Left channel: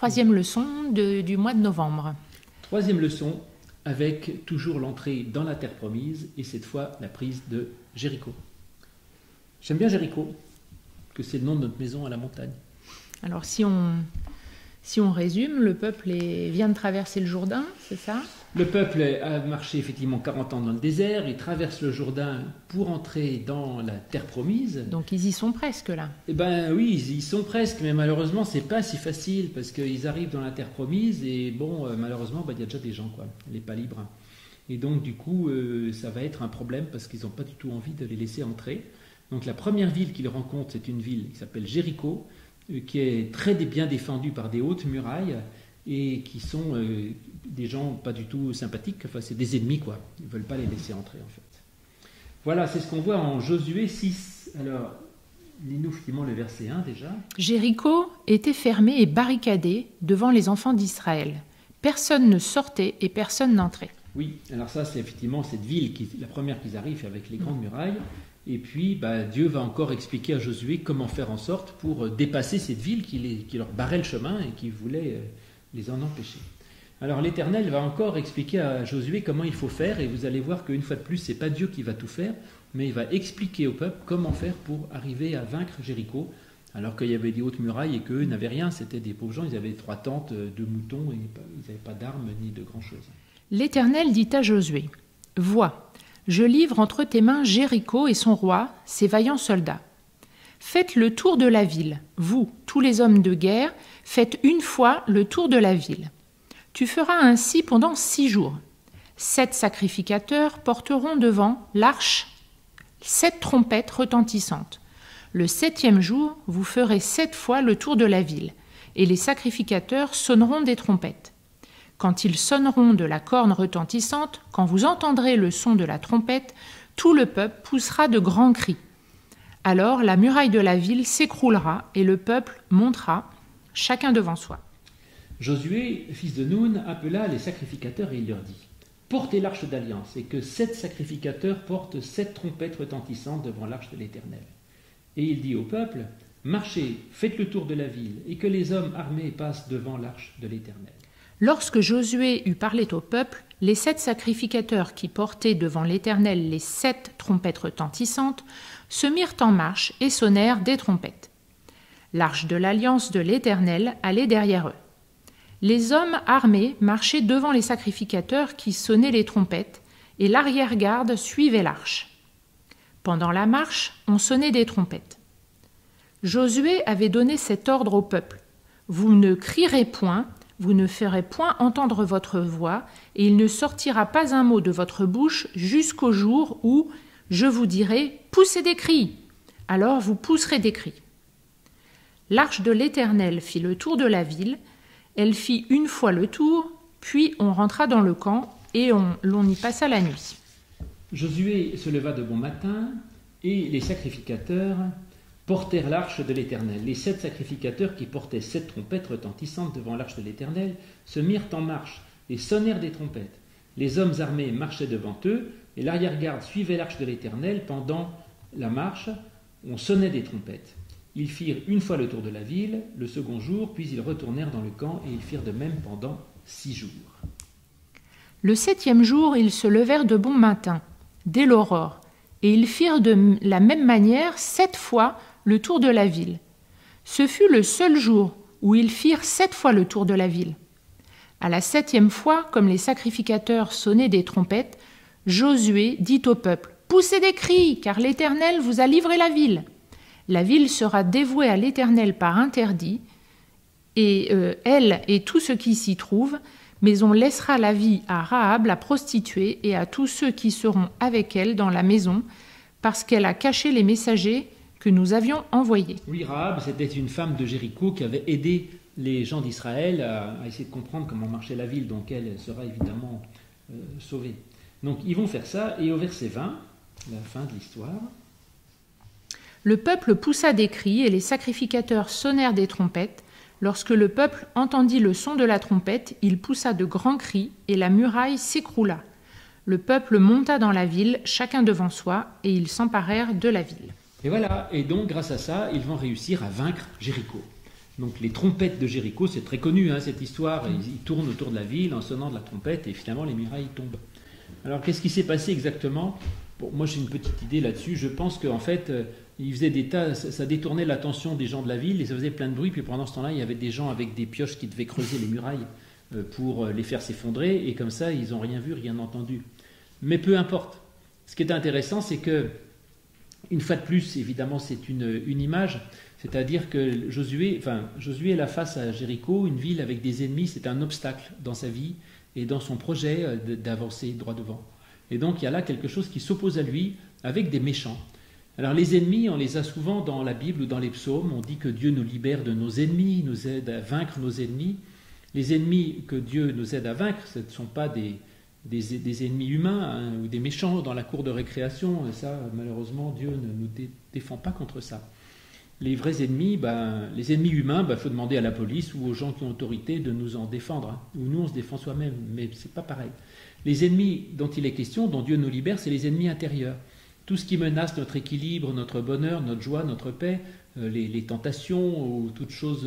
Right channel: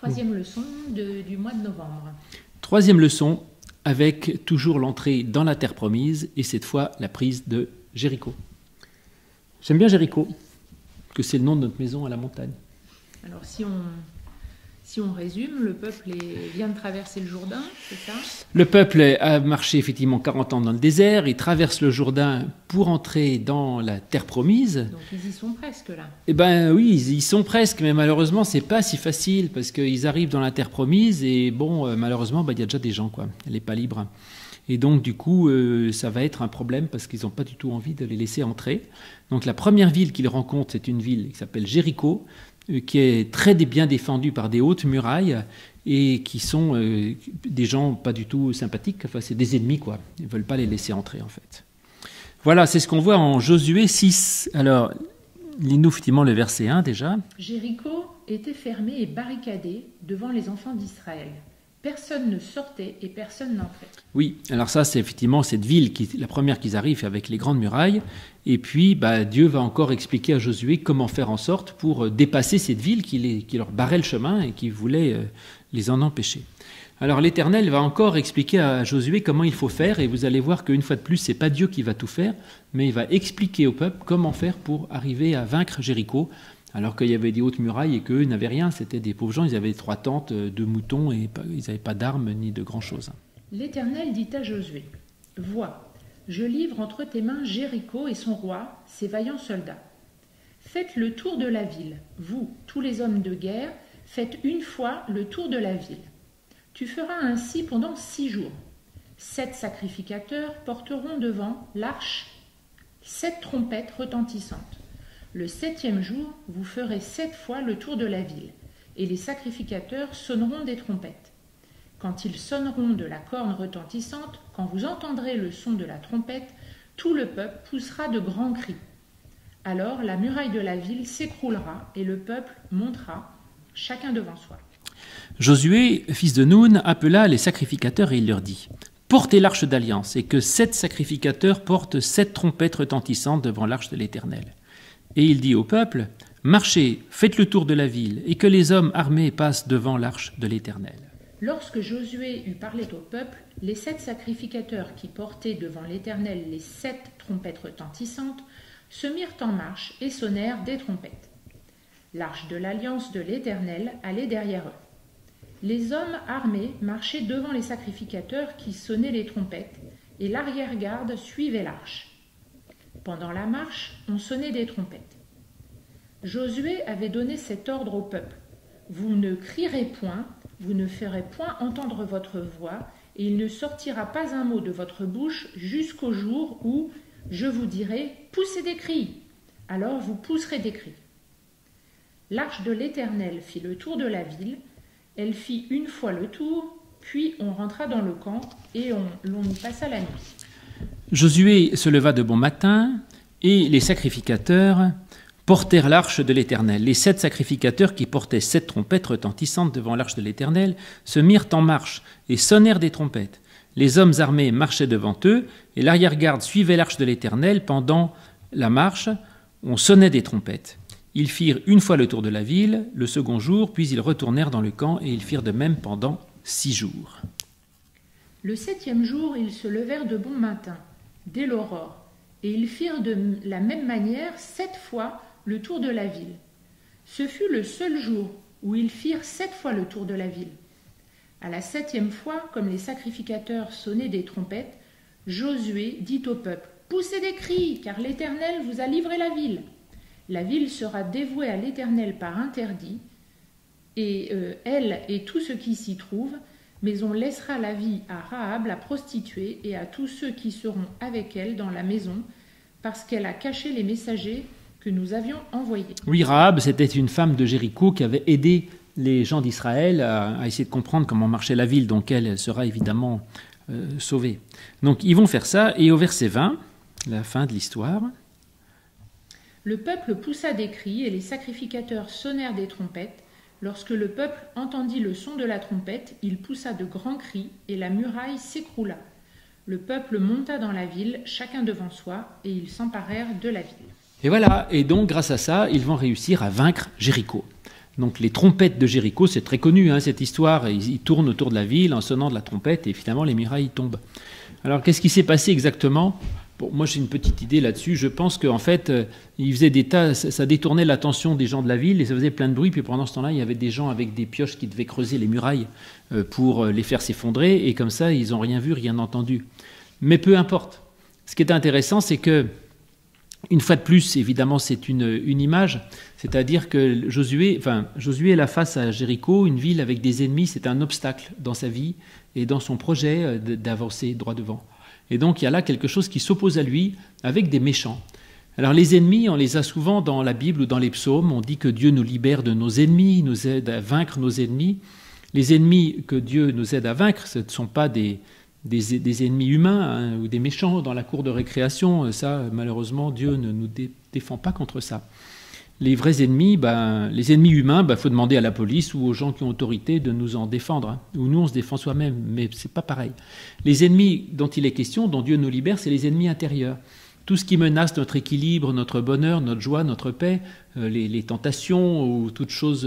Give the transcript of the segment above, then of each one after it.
troisième leçon du mois de novembre. Troisième leçon, avec toujours l'entrée dans la terre promise, et cette fois la prise de Jéricho. J'aime bien Jéricho, que c'est le nom de notre maison à la montagne. Alors si on résume, le peuple vient de traverser le Jourdain, c'est ça? Le peuple a marché effectivement 40 ans dans le désert, il traverse le Jourdain pour entrer dans la terre promise. Donc ils y sont presque là. Eh bien oui, ils y sont presque, mais malheureusement c'est pas si facile, parce qu'ils arrivent dans la terre promise, et bon, malheureusement, il y a déjà des gens, quoi. Elle n'est pas libre. Et donc du coup, ça va être un problème, parce qu'ils n'ont pas du tout envie de les laisser entrer. Donc la première ville qu'ils rencontrent, c'est une ville qui s'appelle Jéricho, qui est très bien défendue par des hautes murailles et qui sont des gens pas du tout sympathiques. Enfin, c'est des ennemis, quoi. Ils ne veulent pas les laisser entrer, en fait. Voilà, c'est ce qu'on voit en Josué 6. Alors, lis-nous effectivement le verset 1 déjà. Jéricho était fermé et barricadé devant les enfants d'Israël. Personne ne sortait et personne n'entrait. Oui, alors ça, c'est effectivement cette ville, la première qu'ils arrivent avec les grandes murailles. Et puis, Dieu va encore expliquer à Josué comment faire en sorte pour dépasser cette ville qui leur barrait le chemin et qui voulait les en empêcher. Alors l'Éternel va encore expliquer à Josué comment il faut faire, et vous allez voir qu'une fois de plus, ce n'est pas Dieu qui va tout faire, mais il va expliquer au peuple comment faire pour arriver à vaincre Jéricho, alors qu'il y avait des hautes murailles et qu'eux n'avaient rien, c'était des pauvres gens, ils avaient 3 tentes, 2 moutons, et ils n'avaient pas d'armes ni de grand-chose. L'Éternel dit à Josué, « Vois, je livre entre tes mains Jéricho et son roi, ses vaillants soldats. Faites le tour de la ville, vous, tous les hommes de guerre, faites une fois le tour de la ville. Tu feras ainsi pendant 6 jours. 7 sacrificateurs porteront devant l'arche 7 trompettes retentissantes. Le 7e jour, vous ferez 7 fois le tour de la ville, et les sacrificateurs sonneront des trompettes. Quand ils sonneront de la corne retentissante, quand vous entendrez le son de la trompette, tout le peuple poussera de grands cris. Alors la muraille de la ville s'écroulera et le peuple montera, chacun devant soi. » Josué, fils de Nun, appela les sacrificateurs et il leur dit « Portez l'arche d'alliance et que 7 sacrificateurs portent 7 trompettes retentissantes devant l'arche de l'Éternel. » Et il dit au peuple « Marchez, faites le tour de la ville et que les hommes armés passent devant l'arche de l'Éternel. » Lorsque Josué eut parlé au peuple, les 7 sacrificateurs qui portaient devant l'Éternel les 7 trompettes retentissantes se mirent en marche et sonnèrent des trompettes. L'arche de l'alliance de l'Éternel allait derrière eux. Les hommes armés marchaient devant les sacrificateurs qui sonnaient les trompettes, et l'arrière-garde suivait l'arche. Pendant la marche, on sonnait des trompettes. Josué avait donné cet ordre au peuple. « Vous ne crierez point, vous ne ferez point entendre votre voix, et il ne sortira pas un mot de votre bouche jusqu'au jour où je vous dirai « Poussez des cris !» Alors vous pousserez des cris. L'arche de l'Éternel fit le tour de la ville, elle fit une fois le tour, puis on rentra dans le camp et l'on y passa la nuit. Josué se leva de bon matin, et les sacrificateurs portèrent l'arche de l'Éternel. Les 7 sacrificateurs qui portaient 7 trompettes retentissantes devant l'arche de l'Éternel se mirent en marche et sonnèrent des trompettes. Les hommes armés marchaient devant eux, et l'arrière-garde suivait l'arche de l'Éternel. Pendant la marche, on sonnait des trompettes. Ils firent une fois le tour de la ville, le second jour, puis ils retournèrent dans le camp, et ils firent de même pendant 6 jours. Le 7e jour, ils se levèrent de bon matin, dès l'aurore, et ils firent de la même manière 7 fois le tour de la ville. Ce fut le seul jour où ils firent 7 fois le tour de la ville. À la 7e fois, comme les sacrificateurs sonnaient des trompettes, Josué dit au peuple « Poussez des cris, car l'Éternel vous a livré la ville. La ville sera dévouée à l'Éternel par interdit, et elle et tout ce qui s'y trouve, mais on laissera la vie à Rahab, la prostituée, et à tous ceux qui seront avec elle dans la maison, parce qu'elle a caché les messagers que nous avions envoyés. » Oui, Rahab, c'était une femme de Jéricho qui avait aidé les gens d'Israël à essayer de comprendre comment marchait la ville, donc elle sera évidemment sauvée. Donc ils vont faire ça, et au verset 20, la fin de l'histoire. Le peuple poussa des cris, et les sacrificateurs sonnèrent des trompettes. Lorsque le peuple entendit le son de la trompette, il poussa de grands cris, et la muraille s'écroula. Le peuple monta dans la ville, chacun devant soi, et ils s'emparèrent de la ville. Et voilà, et donc grâce à ça, ils vont réussir à vaincre Jéricho. Donc les trompettes de Jéricho, c'est très connu, hein, cette histoire. Ils tournent autour de la ville en sonnant de la trompette et finalement les murailles tombent. Alors qu'est-ce qui s'est passé exactement? Bon, moi j'ai une petite idée là-dessus. Je pense qu'en fait, ils faisaient des tas, ça détournait l'attention des gens de la ville et ça faisait plein de bruit. Puis pendant ce temps-là, il y avait des gens avec des pioches qui devaient creuser les murailles pour les faire s'effondrer. Et comme ça, ils n'ont rien vu, rien entendu. Mais peu importe. Ce qui est intéressant, c'est que, une fois de plus, évidemment, c'est une image. C'est-à-dire que Josué est là face à Jéricho, une ville avec des ennemis. C'est un obstacle dans sa vie et dans son projet d'avancer droit devant. Et donc, il y a là quelque chose qui s'oppose à lui avec des méchants. Alors, les ennemis, on les a souvent dans la Bible ou dans les psaumes. On dit que Dieu nous libère de nos ennemis, nous aide à vaincre nos ennemis. Les ennemis que Dieu nous aide à vaincre, ce ne sont pas des ennemis humains, hein, ou des méchants dans la cour de récréation. Ça, malheureusement, Dieu ne nous défend pas contre ça. Les vrais ennemis, les ennemis humains, faut demander à la police ou aux gens qui ont autorité de nous en défendre. Hein. Ou nous, on se défend soi-même, mais c'est pas pareil. Les ennemis dont il est question, dont Dieu nous libère, c'est les ennemis intérieurs. Tout ce qui menace notre équilibre, notre bonheur, notre joie, notre paix, les tentations ou toutes choses,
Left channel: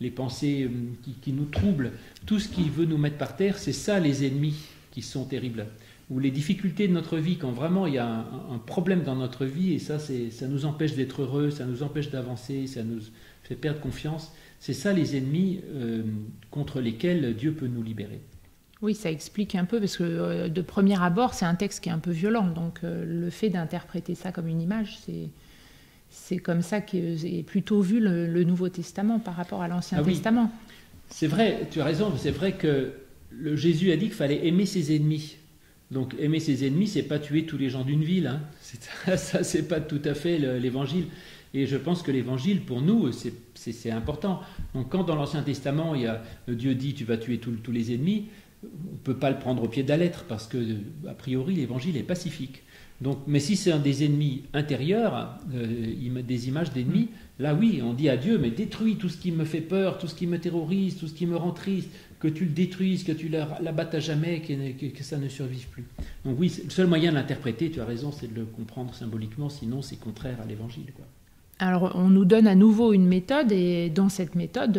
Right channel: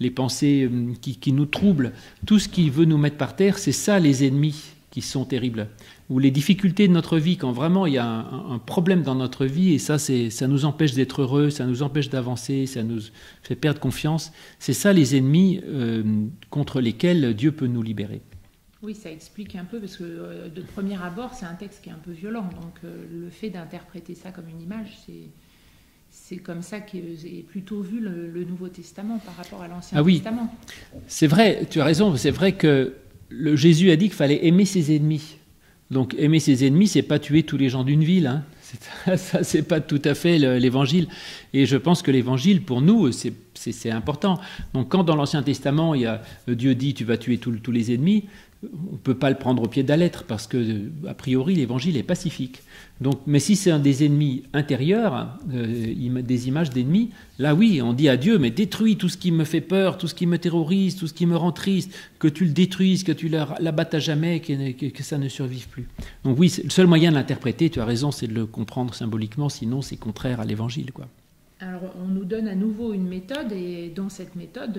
les pensées qui nous troublent, tout ce qui veut nous mettre par terre, c'est ça les ennemis qui sont terribles. Ou les difficultés de notre vie, quand vraiment il y a un problème dans notre vie, et ça nous empêche d'être heureux, ça nous empêche d'avancer, ça nous fait perdre confiance, c'est ça les ennemis contre lesquels Dieu peut nous libérer. Oui, ça explique un peu, parce que de premier abord, c'est un texte qui est un peu violent, donc le fait d'interpréter ça comme une image, c'est comme ça qu'est plutôt vu le Nouveau Testament par rapport à l'Ancien Testament. C'est vrai, tu as raison, c'est vrai que Jésus a dit qu'il fallait aimer ses ennemis. Donc aimer ses ennemis, c'est pas tuer tous les gens d'une ville. Hein. Ça, c'est pas tout à fait l'évangile. Et je pense que l'évangile, pour nous, c'est important. Donc quand dans l'Ancien Testament, Dieu dit tu vas tuer tous les ennemis, on ne peut pas le prendre au pied de la lettre parce que, a priori, l'évangile est pacifique. Donc, mais si c'est un des ennemis intérieurs, des images d'ennemis, là oui, on dit à Dieu, mais détruis tout ce qui me fait peur, tout ce qui me terrorise, tout ce qui me rend triste, que tu le détruises, que tu l'abattes à jamais, que ça ne survive plus. Donc oui, le seul moyen de l'interpréter, tu as raison, c'est de le comprendre symboliquement, sinon c'est contraire à l'évangile, quoi. Alors, on nous donne à nouveau une méthode, et dans cette méthode,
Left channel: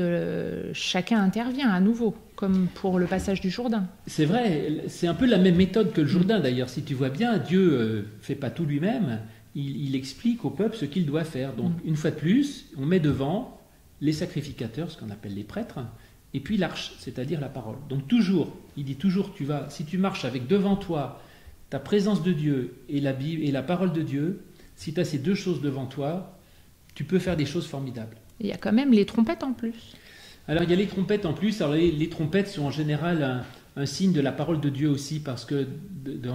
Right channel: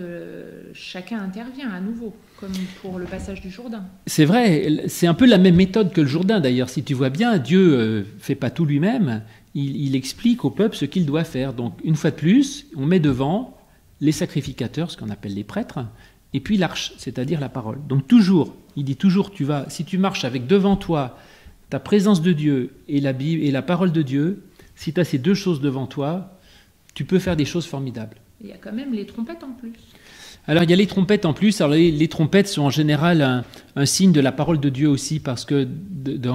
chacun intervient à nouveau, comme pour le passage du Jourdain. C'est vrai, c'est un peu la même méthode que le Jourdain, d'ailleurs. Si tu vois bien, Dieu ne fait pas tout lui-même, il explique au peuple ce qu'il doit faire. Donc, une fois de plus, on met devant les sacrificateurs, ce qu'on appelle les prêtres, et puis l'arche, c'est-à-dire la parole. Donc, toujours, il dit toujours, si tu marches avec devant toi ta présence de Dieu et la Bible et la parole de Dieu, si tu as ces deux choses devant toi, tu peux faire des choses formidables. Il y a quand même les trompettes en plus. Alors, il y a les trompettes en plus. Alors, les trompettes sont en général un signe de la parole de Dieu aussi, parce que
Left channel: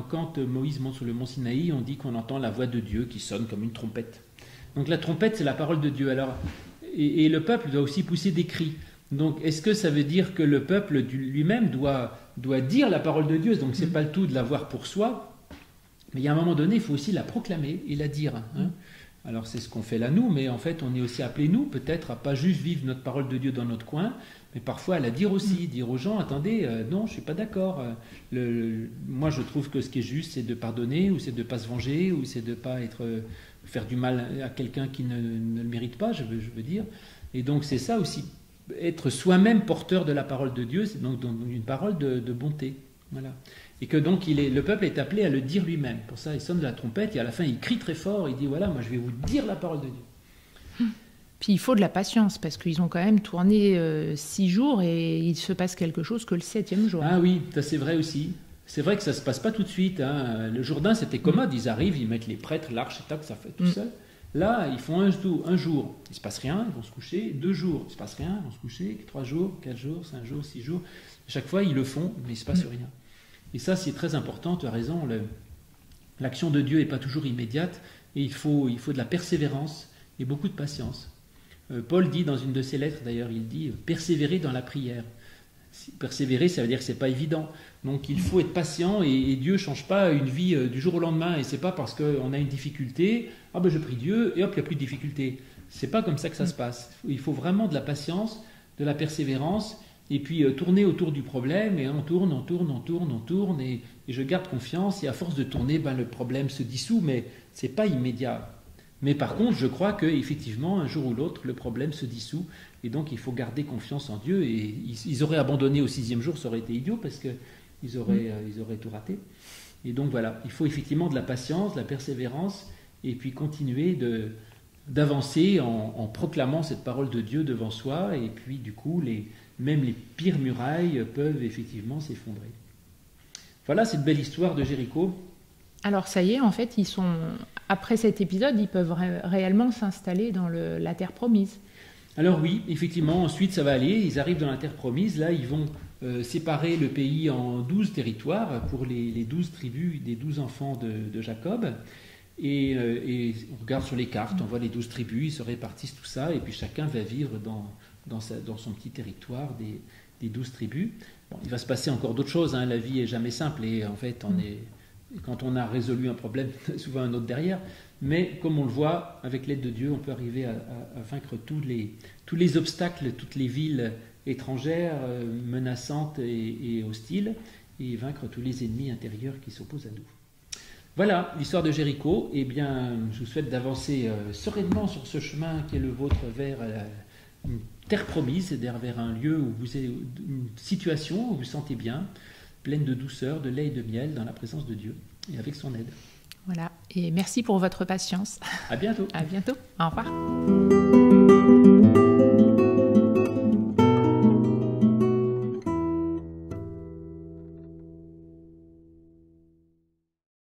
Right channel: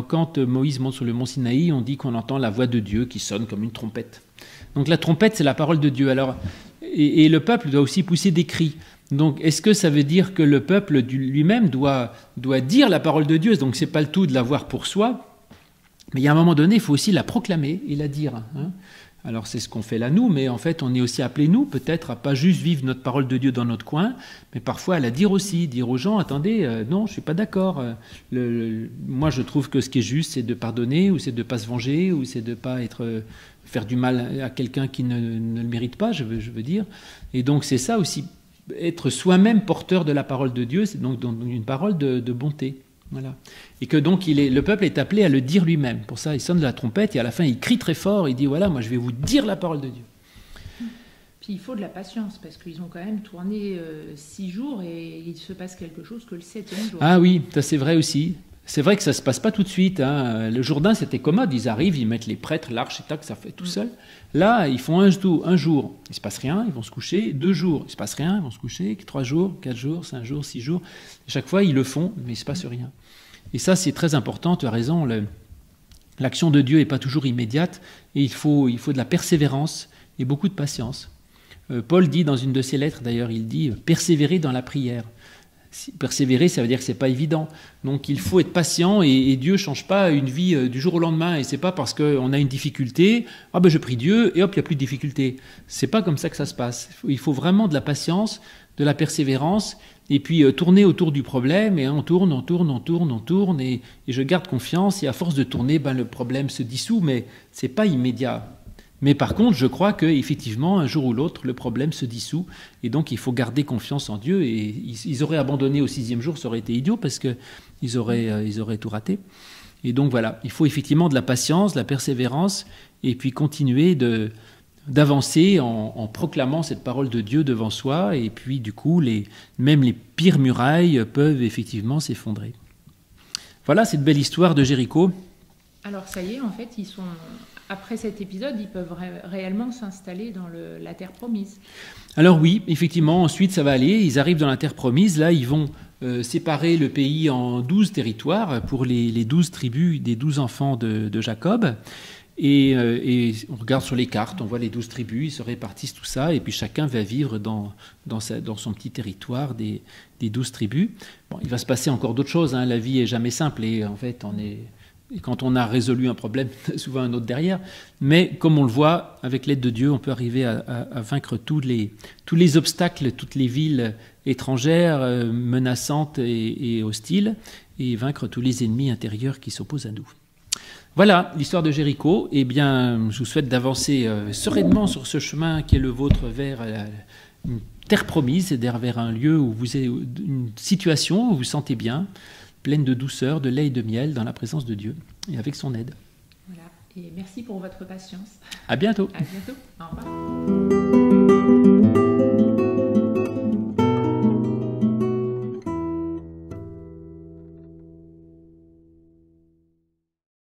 quand Moïse monte sur le mont Sinaï, on dit qu'on entend la voix de Dieu qui sonne comme une trompette. Donc, la trompette, c'est la parole de Dieu. Alors, et le peuple doit aussi pousser des cris. Donc, est-ce que ça veut dire que le peuple lui-même doit dire la parole de Dieu? Donc, c'est pas le tout de l'avoir pour soi, mais il y a un moment donné, il faut aussi la proclamer et la dire, hein. Alors c'est ce qu'on fait là nous, mais en fait on est aussi appelés nous peut-être à pas juste vivre notre parole de Dieu dans notre coin, mais parfois à la dire aussi, dire aux gens, attendez, non je suis pas d'accord, moi je trouve que ce qui est juste c'est de pardonner, ou c'est de pas se venger, ou c'est de pas faire du mal à quelqu'un qui ne le mérite pas, je veux dire. Et donc c'est ça aussi, être soi-même porteur de la parole de Dieu, c'est donc une parole de bonté. Voilà. Et que donc le peuple est appelé à le dire lui-même. Pour ça, il sonne de la trompette et à la fin, il crie très fort. Il dit voilà, moi, je vais vous dire la parole de Dieu. Puis il faut de la patience parce qu'ils ont quand même tourné 6 jours et il se passe quelque chose que le 7e jour. Ah oui, ça c'est vrai aussi. C'est vrai que ça se passe pas tout de suite. Hein. Le Jourdain, c'était commode. Ils arrivent, ils mettent les prêtres, l'arche et tac, ça fait tout seul. Là, ils font un jour, il se passe rien, ils vont se coucher. 2 jours, il se passe rien, ils vont se coucher. 3 jours, 4 jours, 5 jours, 6 jours. Et chaque fois, ils le font, mais il se passe rien. Et ça, c'est très important, tu as raison, l'action de Dieu n'est pas toujours immédiate, et il faut de la persévérance et beaucoup de patience. Paul dit dans une de ses lettres, d'ailleurs, il dit « persévérer dans la prière ». Persévérer, ça veut dire que ce n'est pas évident. Donc il faut être patient, et Dieu ne change pas une vie du jour au lendemain, et ce n'est pas parce qu'on a une difficulté, « ah ben je prie Dieu, et hop, il n'y a plus de difficulté ». Ce n'est pas comme ça que ça se passe. Il faut vraiment de la patience, de la persévérance, et puis tourner autour du problème, et on tourne, et je garde confiance, et à force de tourner, le problème se dissout, mais ce n'est pas immédiat. Mais par contre, je crois qu'effectivement, un jour ou l'autre, le problème se dissout. Et donc, il faut garder confiance en Dieu. Et ils auraient abandonné au 6e jour, ça aurait été idiot parce qu'ils auraient tout raté. Et donc, voilà, il faut effectivement de la patience, de la persévérance, et puis continuer d'avancer en proclamant cette parole de Dieu devant soi. Et puis, du coup, même les pires murailles peuvent effectivement s'effondrer. Voilà cette belle histoire de Jéricho. Alors ça y est, en fait, après cet épisode, ils peuvent réellement s'installer dans la terre promise. Alors oui, effectivement, ensuite ça va aller, ils arrivent dans la terre promise, là ils vont séparer le pays en 12 territoires pour les 12 tribus des 12 enfants de Jacob. Et on regarde sur les cartes, on voit les 12 tribus, ils se répartissent tout ça, et puis chacun va vivre dans son petit territoire des 12 tribus. Bon, il va se passer encore d'autres choses, hein. La vie est jamais simple, et en fait quand on a résolu un problème, souvent un autre derrière. Mais comme on le voit, avec l'aide de Dieu, on peut arriver à vaincre tous les obstacles, toutes les villes étrangères, menaçantes et hostiles, et vaincre tous les ennemis intérieurs qui s'opposent à nous. Voilà l'histoire de Jéricho. Eh bien, je vous souhaite d'avancer sereinement sur ce chemin qui est le vôtre vers une terre promise, c'est-à-dire vers un lieu où vous avez une situation où vous vous sentez bien, pleine de douceur, de lait et de miel, dans la présence de Dieu et avec son aide. Voilà, et merci pour votre patience. À bientôt. À bientôt. Au revoir.